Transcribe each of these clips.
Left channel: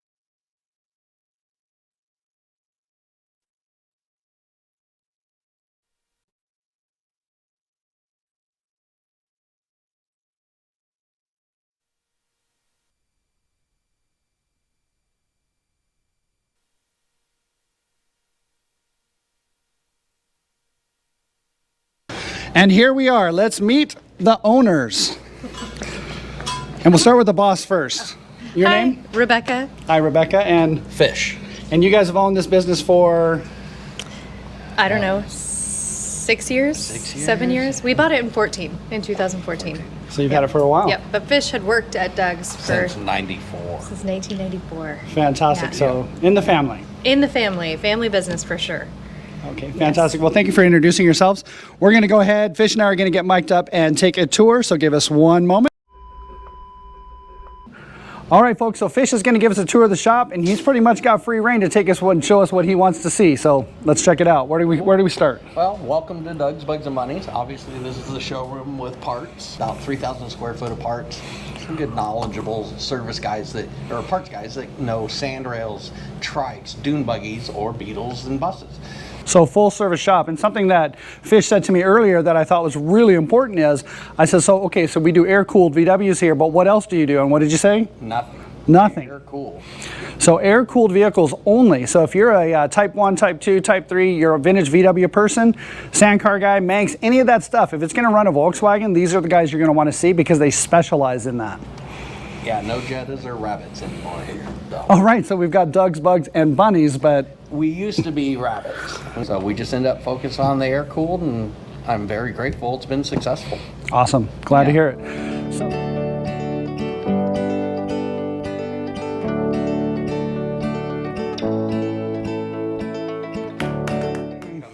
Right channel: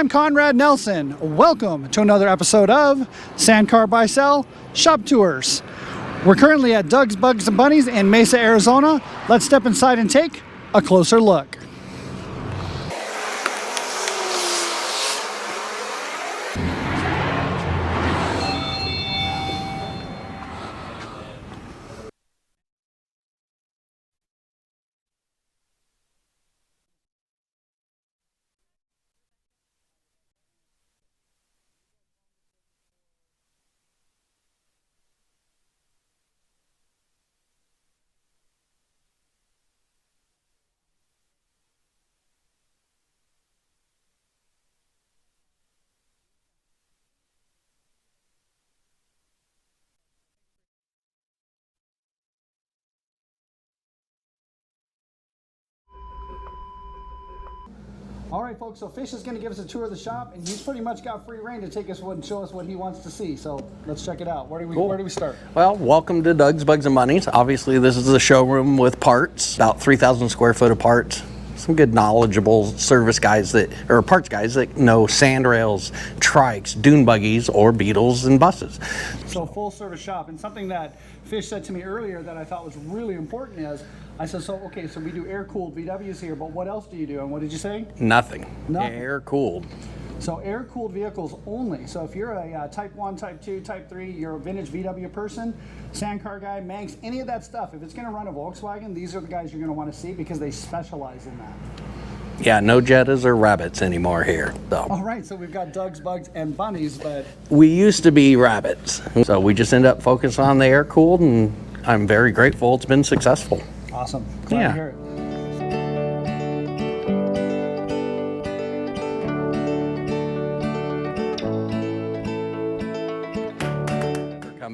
I'm Conrad Nelson. Welcome to another episode of Sandcar Buy Sell Shop Tours. We're currently at Dougs Buggs and Bunnies in Mesa, Arizona. Let's step inside and take a closer look. And here we are. Let's meet the owners. And we'll start with the boss first. Your name? Rebecca. Hi, Rebecca. And Fish. And you guys have owned this business for? I don't know, 6 years? 6 years? 7 years? We bought it in 2014. So you've had it for a while. Yep, but Fish had worked at Dougs Since 94. since 1994. Fantastic. Yeah. So in the family. In the family business for sure. Okay, fantastic. Well, thank you for introducing yourselves. We're going to go ahead. Fish and I are going to get mic'd up and take a tour. So give us one moment. All right, folks, so Fish is going to give us a tour of the shop, and he's pretty much got free reign to take us and show us what he wants to see. So let's check it out. Where do we start? Well, welcome to Dougs Buggs and Bunnies. Obviously, this is a showroom with parts, about 3,000 square foot of parts. Some good knowledgeable service guys or parts guys that know sandrails, trikes, dune buggies, or Beetles and buses. So full service shop. And something that Fish said to me earlier that I thought was really important is, I said, so we do air-cooled VWs here, but what else do you do? And what did you say? Nothing. Nothing. Air-cooled. So air-cooled vehicles only. So if you're a Type 1, Type 2, Type 3, you're a vintage VW person, Sandcar guy, Manx, any of that stuff, if it's going to run a Volkswagen, these are the guys you're going to want to see because they specialize in that. Yeah, no Jettas or Rabbits anymore here. So. All right, so we've got Dougs, Buggs, and Bunnies, but... We used to be Rabbits. So we just end up focusing on the air-cooled, and I'm very grateful it's been successful. Awesome. Glad to hear it.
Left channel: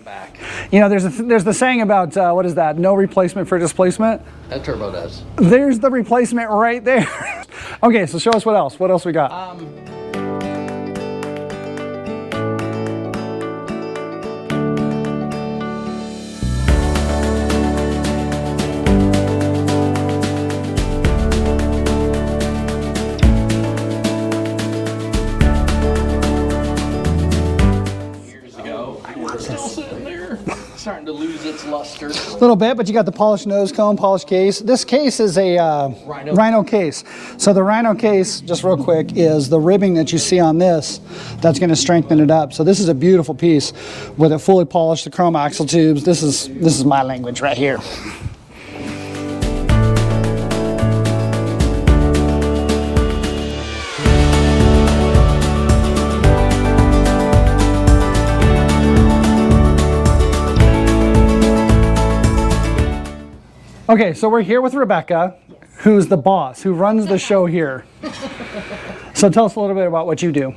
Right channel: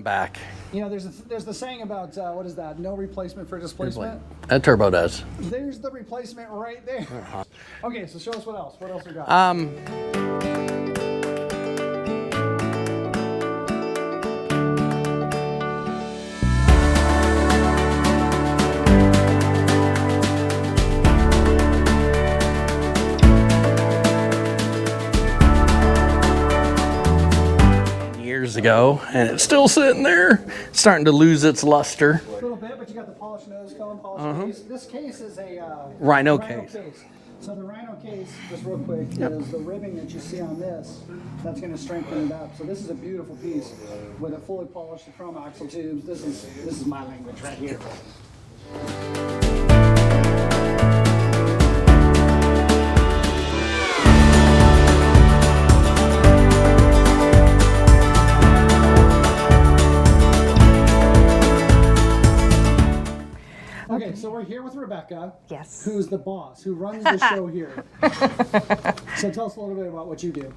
Back. You know, there's the saying about, what is that? No replacement for displacement? A turbo does. There's the replacement right there. Okay, so show us what else. What else we got? Ago, and it's still sitting there, starting to lose its luster. A little bit, but you got the polished nose cone, polished case. This case is a Rhino case. So the Rhino case, just real quick, is the ribbing that you see on this that's going to strengthen it up. So this is a beautiful piece with it fully polished, the chrome axle tubes. This is my language right here. Okay, so we're here with Rebecca, Yes. who's the boss, who runs the show here. So tell us a little bit about what you do.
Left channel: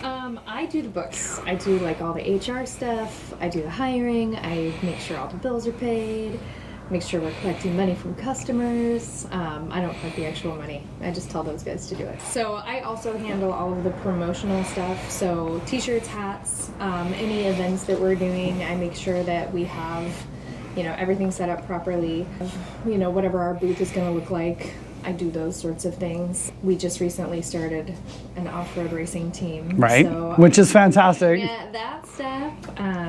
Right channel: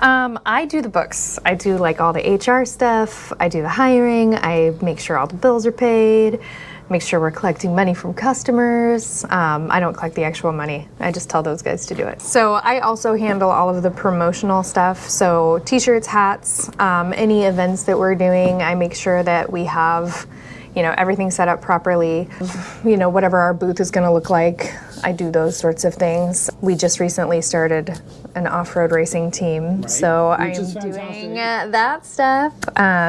I do the books. I do like all the HR stuff. I do the hiring. I make sure all the bills are paid. Make sure we're collecting money from customers. I don't collect the actual money. I just tell those guys to do it. So I also handle all of the promotional stuff. So t-shirts, hats, any events that we're doing, I make sure that we have everything set up properly. Whatever our booth is going to look like, I do those sorts of things. We just recently started an off-road racing team. Right, so which is fantastic. That stuff.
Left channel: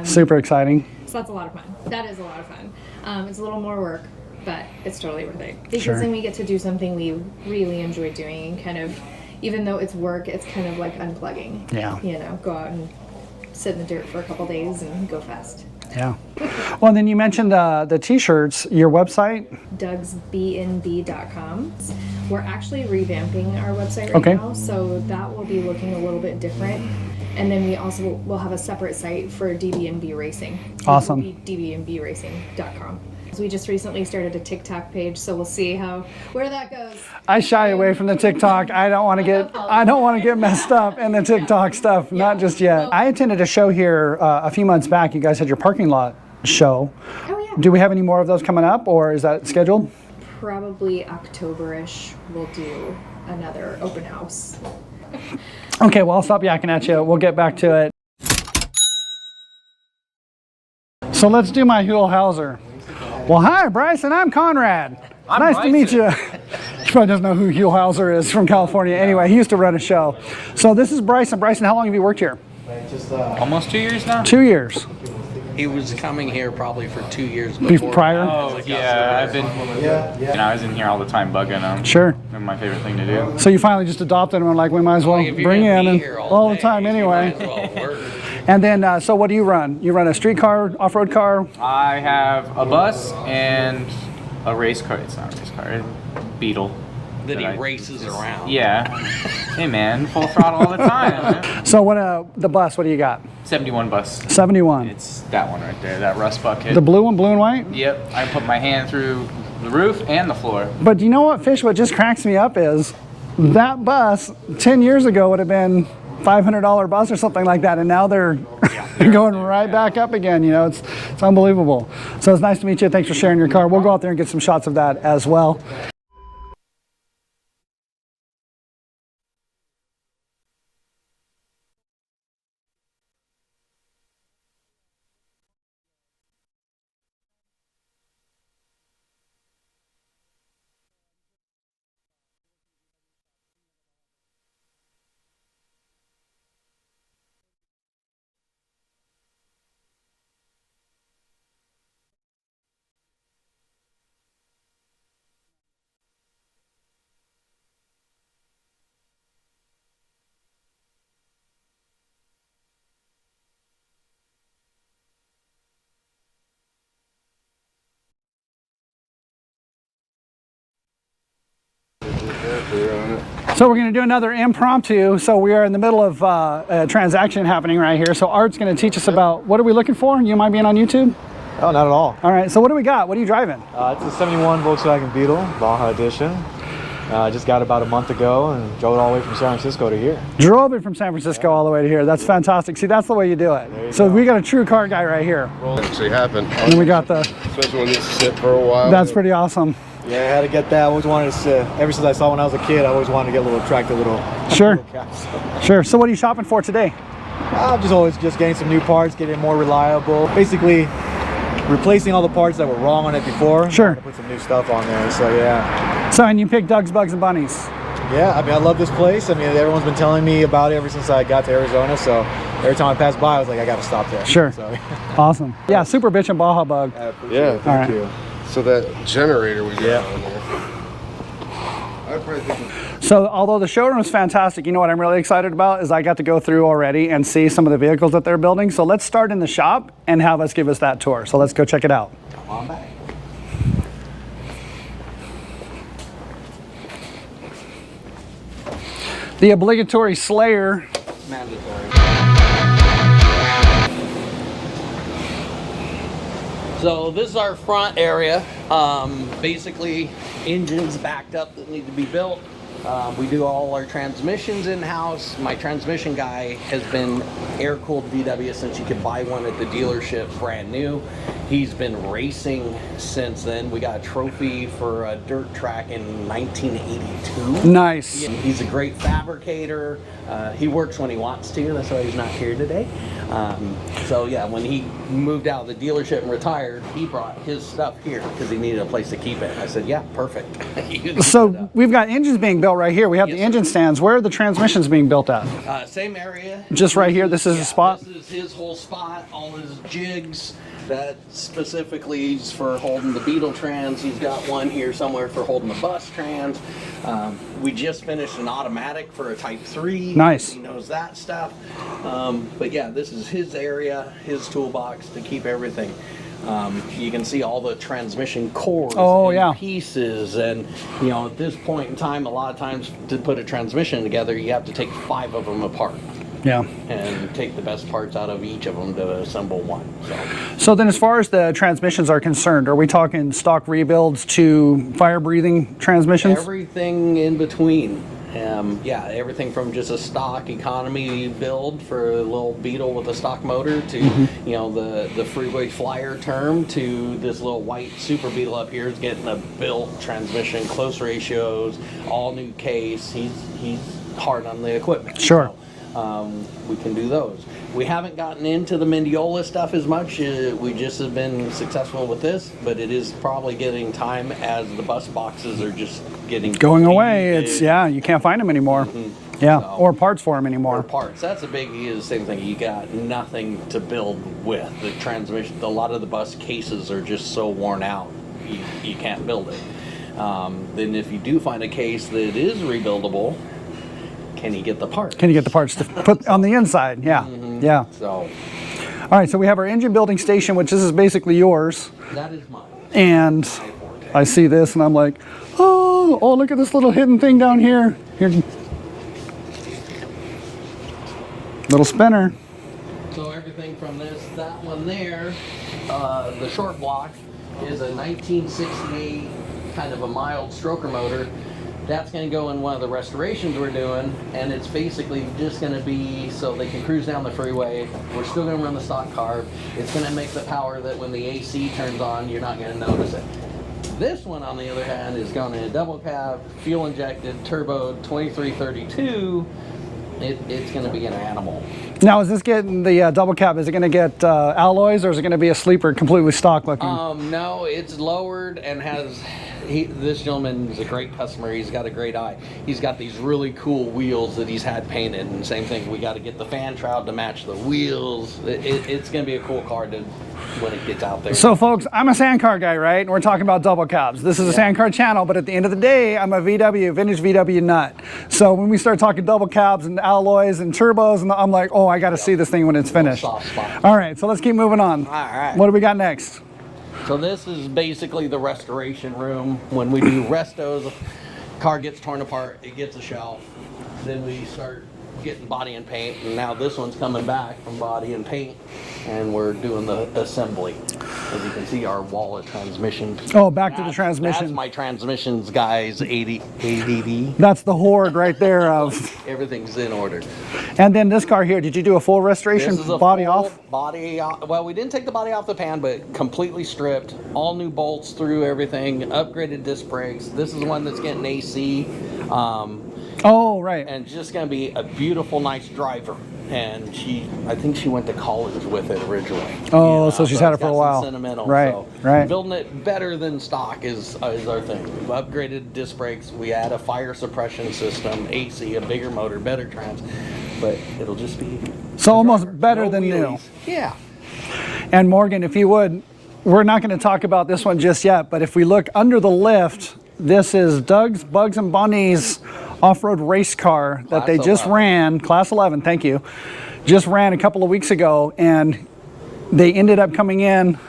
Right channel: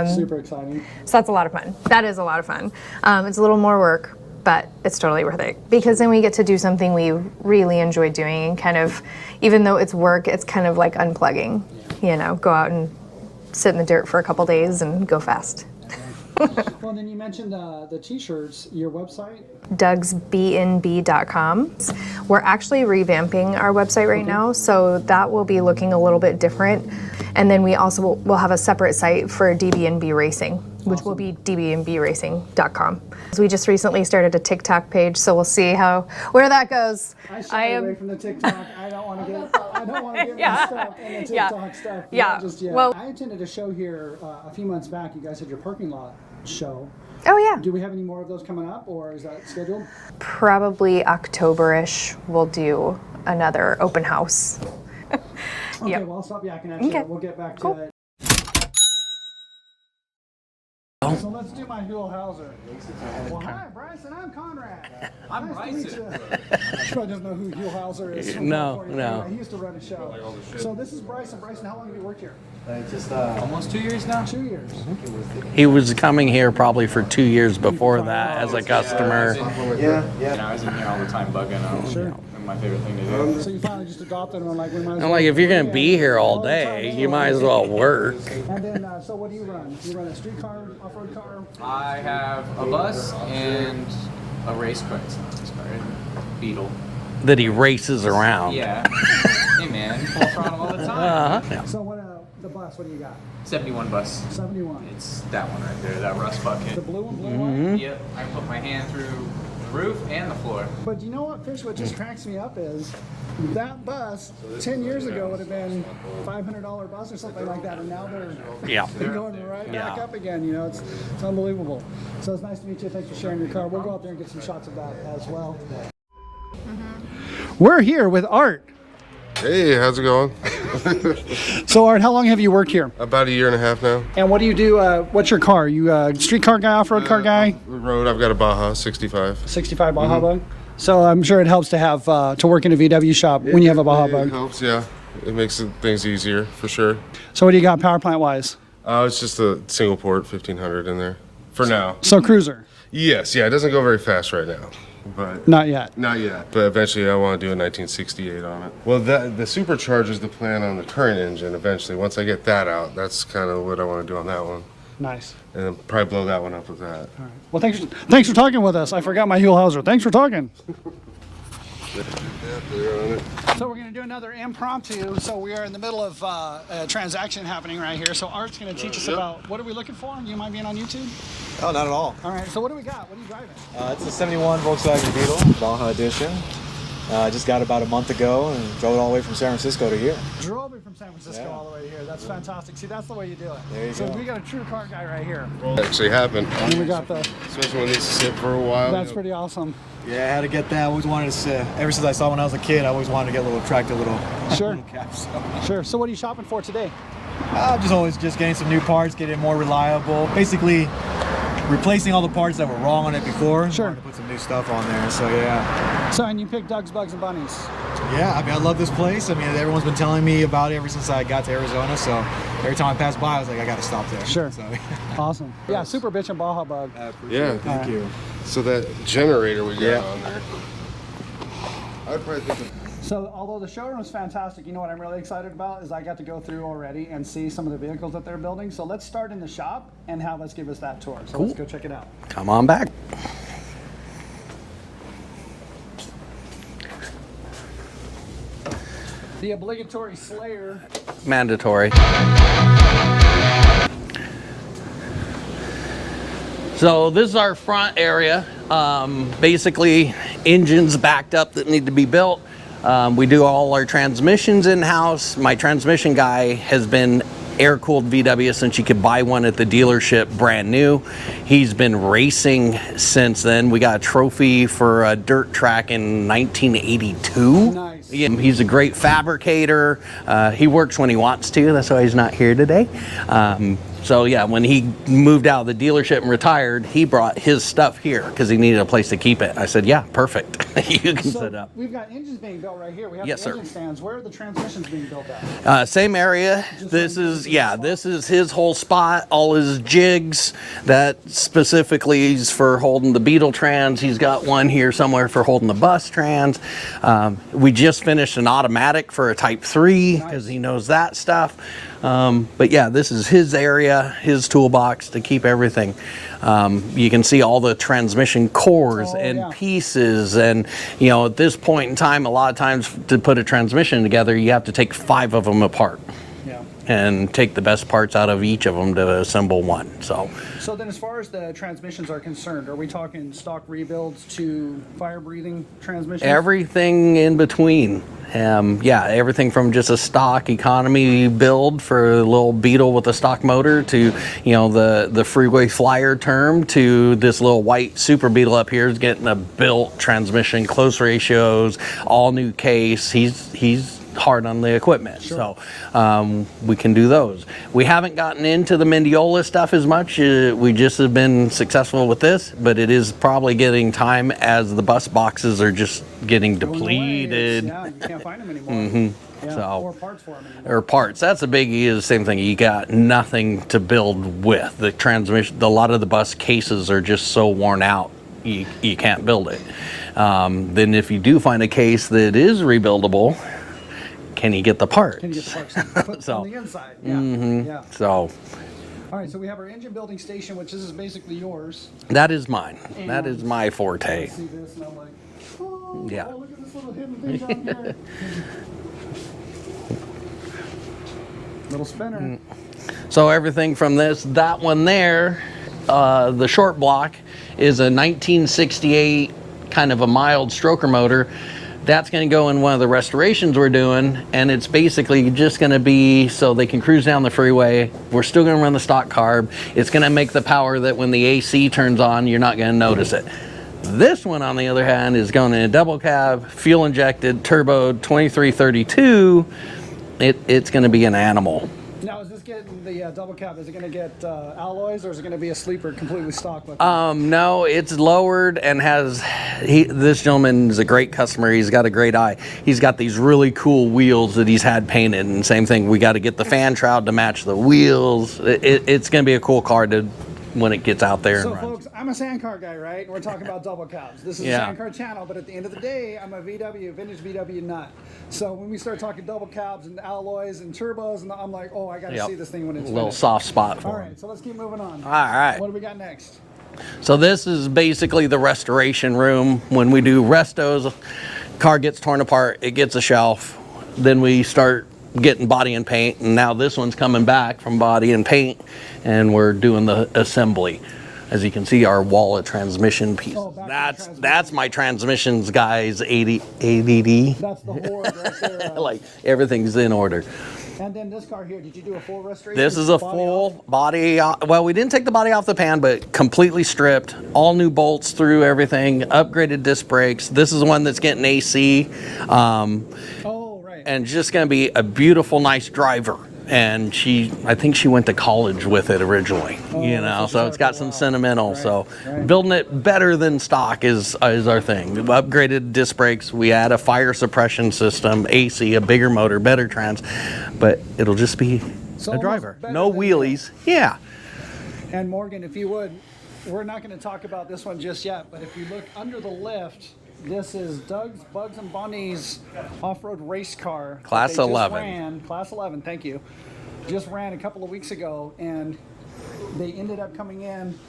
Super exciting. So that's a lot of fun. That is a lot of fun. It's a little more work, but it's totally worth it. Because then we get to do something we really enjoy doing and kind of, even though it's work, it's kind of like unplugging. Yeah. Go out and sit in the dirt for a couple days and go fast. Yeah. Well, then you mentioned the t-shirts, your website? DougsBnB.com. We're actually revamping our website right now, so that will be looking a little bit different. And then we also will have a separate site for DBNB Racing, which will be dbnbracing.com. So we just recently started a TikTok page, so we'll see where that goes. I shy away from the TikTok. I don't want to get messed up in the TikTok stuff. Not just yet. Well, I attended a show here a few months back. You guys had your parking lot show. Oh yeah. Do we have any more of those coming up, or is that scheduled? Probably October-ish. We'll do another open house. Okay, well, I'll stop yakking at you. Okay. We'll get back to it. So let's do my Huell Hauser. Well, hi, Bryson. I'm Conrad. Nice to meet you. probably doesn't know who Hugh Hauser is from California. No. Anyway, he used to run a show. So this is Bryson. Bryson, how long have you worked here? Almost 2 years now. 2 years. He was coming here probably for 2 years before Prior? that as a Yeah, customer. I was in here all the time bugging them. Sure. My favorite thing to do. So you finally just adopted him and like, we might as well Like if you're bring gonna you be in here all the day, time anyway. you might as well work. And then, so what do you run? You run a street car, off-road car? I have a bus and a race car. It's not a race car. It's a Beetle. That he races around. Yeah. Hey man, full throttle all the time. So what? The bus, what do you got? 71 bus. 71. It's that one right there, that rust bucket. The blue one, blue and white? Yep. I put my hand through the roof and the floor. But you know what, Fish, what just cracks me up is that bus 10 years ago would have been $500 bus or something like that, and now they're going right back up again. You know, it's unbelievable. So it's nice to meet you. Thanks for sharing your car. We'll go out there and get some shots of that as well. We're here with Art. Hey, how's it going? So Art, how long have you worked here? About 1.5 years now. And what do you do? What's your car? You a street car guy, off-road car guy? Road, I've got a Baja 65. 65 Baja Bug. So I'm sure it helps to have to work in a VW shop when you have a Baja It Bug. helps, yeah. It makes things easier, for sure. So what do you got power plant wise? It's just a single port 1500 in there, for now. So cruiser? Yes, yeah, it doesn't go very fast right now. But Not yet. Not yet. But eventually I want to do a 1968 on it. Well, the supercharger is the plan on the current engine eventually. Once I get that out, that's kind of what I want to do on that one. Nice. And then probably blow that one up with that. All right. Well, thanks for talking with us. I forgot my Hugh Hauser. Thanks for talking. So we're going to do another impromptu. So we are in the middle of a transaction happening right here. So Art's going to teach us about, what are we looking for? You mind being on YouTube? Oh, not at all. All right, so what do we got? What are you driving? It's a 71 Volkswagen Beetle, Baja Edition. I just got it about a month ago and drove it all the way from San Francisco to here. Drove it from San Francisco all the way to here. That's fantastic. See, that's the way you do it. So we got a true car guy right here. Actually happened. And we got the, Especially when it needs to sit for a while. that's pretty awesome. Yeah, I had to get that. I always wanted to sit. Ever since I saw when I was a kid, I always wanted to get a little tractor, Sure. little cap. So. Sure. So what are you shopping for today? I'm just getting some new parts, getting it more reliable. Basically, replacing all the parts that were wrong on it before. Sure. To put some new stuff on there. So yeah. So, and you picked Dougs Buggs and Bunnies. Yeah, I mean, I love this place. I mean, everyone's been telling me about it ever since I got to Arizona. So every time I pass by, I was like, I got to stop there. Sure. So, Awesome. Yeah, super bitch and Baja Bug. Yeah, Thank you. So that generator we got on there. I'd probably think of So although the showroom is fantastic, you know what I'm really excited about is I got to go through already and see some of the vehicles that they're building. So let's start in the shop and have us give us that tour. So let's go check it out. Come on back. The obligatory Slayer. Mandatory. So this is our front area. Basically, engines backed up that need to be built. We do all our transmissions in-house. My transmission guy has been air-cooled VW since you could buy one at the dealership brand new. He's been racing since then. We got a trophy for a dirt track in 1982. Nice. He's a great fabricator. He works when he wants to. That's why he's not here today. So yeah, when he moved out of the dealership and retired, he brought his stuff here because he needed a place to keep it. I said, yeah, perfect. You can put it So up. we've got engines being built right here. We have Yes, the engine sir. stands. Where are the transmissions being built at? Same area. Just right here, this is his spot? This is his whole spot, all his jigs that specifically is for holding the Beetle trans. He's got one here somewhere for holding the bus trans. We just finished an automatic for a Type 3. Nice. He knows that stuff. But yeah, this is his area, his toolbox to keep everything. You can see all the transmission cores and pieces, and you know, at this point in time, a lot of times to put a transmission together, you have to take 5 of them apart. Yeah. And take the best parts out of each of them to assemble one. So then as far as the transmissions are concerned, are we talking stock rebuilds to fire-breathing transmissions? Everything in between. Yeah, everything from just a stock economy build for a little Beetle with a stock motor to, you know, the freeway flyer term to this little white Super Beetle up here is getting a built transmission, close ratios, all new case. He's hard on the equipment. Sure. So we can do those. We haven't gotten into the Mendiola stuff as much. We just have been successful with this, but it is probably getting time as the bus boxes are just getting Going depleted. away. It's, yeah, you can't find them anymore. Yeah, So- or parts for them anymore. Or parts. That's a biggie. Is the same thing. You got nothing to build with. The transmission. A lot of the bus cases are just so worn out. You can't build it. Then if you do find a case that is rebuildable, can you get the parts? Can you get the parts to put on the inside? Yeah, yeah. So All right, so we have our engine building station, which this is basically yours. that is mine. And that is my forte. I see this and I'm like, oh, Yeah. oh, look at this little hidden thing down here. Here. Little spinner. So everything from that one there, the short block is a 1968 kind of a mild stroker motor. That's going to go in one of the restorations we're doing, and it's basically just going to be so they can cruise down the freeway. We're still going to run the stock carb. It's going to make the power that when the AC turns on, you're not going to notice it. This one, on the other hand, is going in a double cab, fuel injected, turboed, 2332. It's going to be an animal. Now, is this getting the double cab? Is it going to get alloys, or is it going to be a sleeper completely stock looking? No, it's lowered and has. This gentleman is a great customer. He's got a great eye. He's got these really cool wheels that he's had painted. And same thing, we got to get the fan shroud to match the wheels. It's going to be a cool car when it gets out there. So, folks, I'm a sand car guy, right? And we're talking about double cabs. This is a sand car channel, but at the end of the day, I'm a vintage VW nut. So when we start talking double cabs and alloys and turbos, and I'm like, oh, I got to see this thing when it's finished. Soft spot. All right, so let's keep moving on. All right. What do we got next? So this is basically the restoration room. When we do restos, car gets torn apart, it gets a shelf. Then we start getting body and paint, and now this one's coming back from body and paint, and we're doing the assembly. As you can see, our wall of transmission. Oh, back to the transmission. That's my transmissions guy's ADD. That's the horde right there. Like everything's in order. And then this car here, did you do a full restoration? This is a body full off? body off. Well, we didn't take the body off the pan, but completely stripped. All new bolts through everything. Upgraded disc brakes. This is the one that's getting AC. Oh, right. And just going to be a beautiful, nice driver. And I think she went to college with it originally. Oh, so she's had it it's for a got while. some sentimental. Right, So right. building it better than stock is our thing. We upgraded disc brakes. We add a fire suppression system, AC, a bigger motor, better trans. But it'll just be So a almost driver. better no than wheelies. Yeah. And Morgan, if you would, we're not going to talk about this one just yet, but if we look under the lift, this is Dougs Buggs and Bunnies off-road race car Class that they just 11. ran, Class 11, thank you, just ran a couple of weeks ago, and they ended up coming in.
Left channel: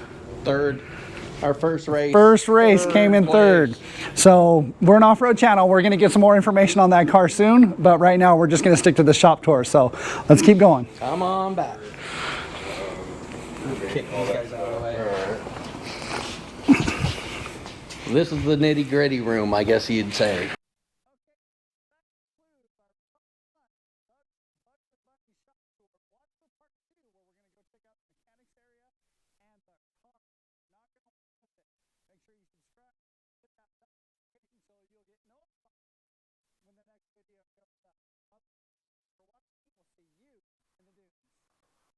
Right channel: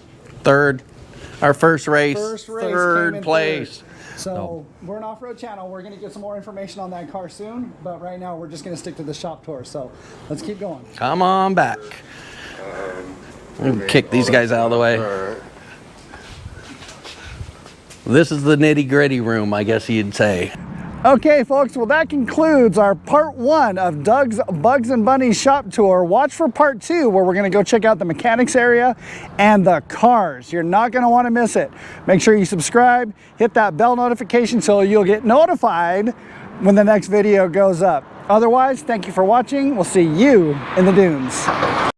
Third. Our first race. Came in place. third. So we're an off-road channel. We're going to get some more information on that car soon, but right now we're just going to stick to the shop tour. So let's keep going. Come on back. We'll kick these guys out of the way. This is the nitty-gritty room, I guess you'd say. Okay, folks, well, that concludes our part 1 of Dougs Buggs and Bunnies shop tour. Watch for part 2, where we're going to go check out the mechanics area and the cars. You're not going to want to miss it. Make sure you subscribe, hit that bell notification so you'll get notified when the next video goes up. Otherwise, thank you for watching. We'll see you in the dunes.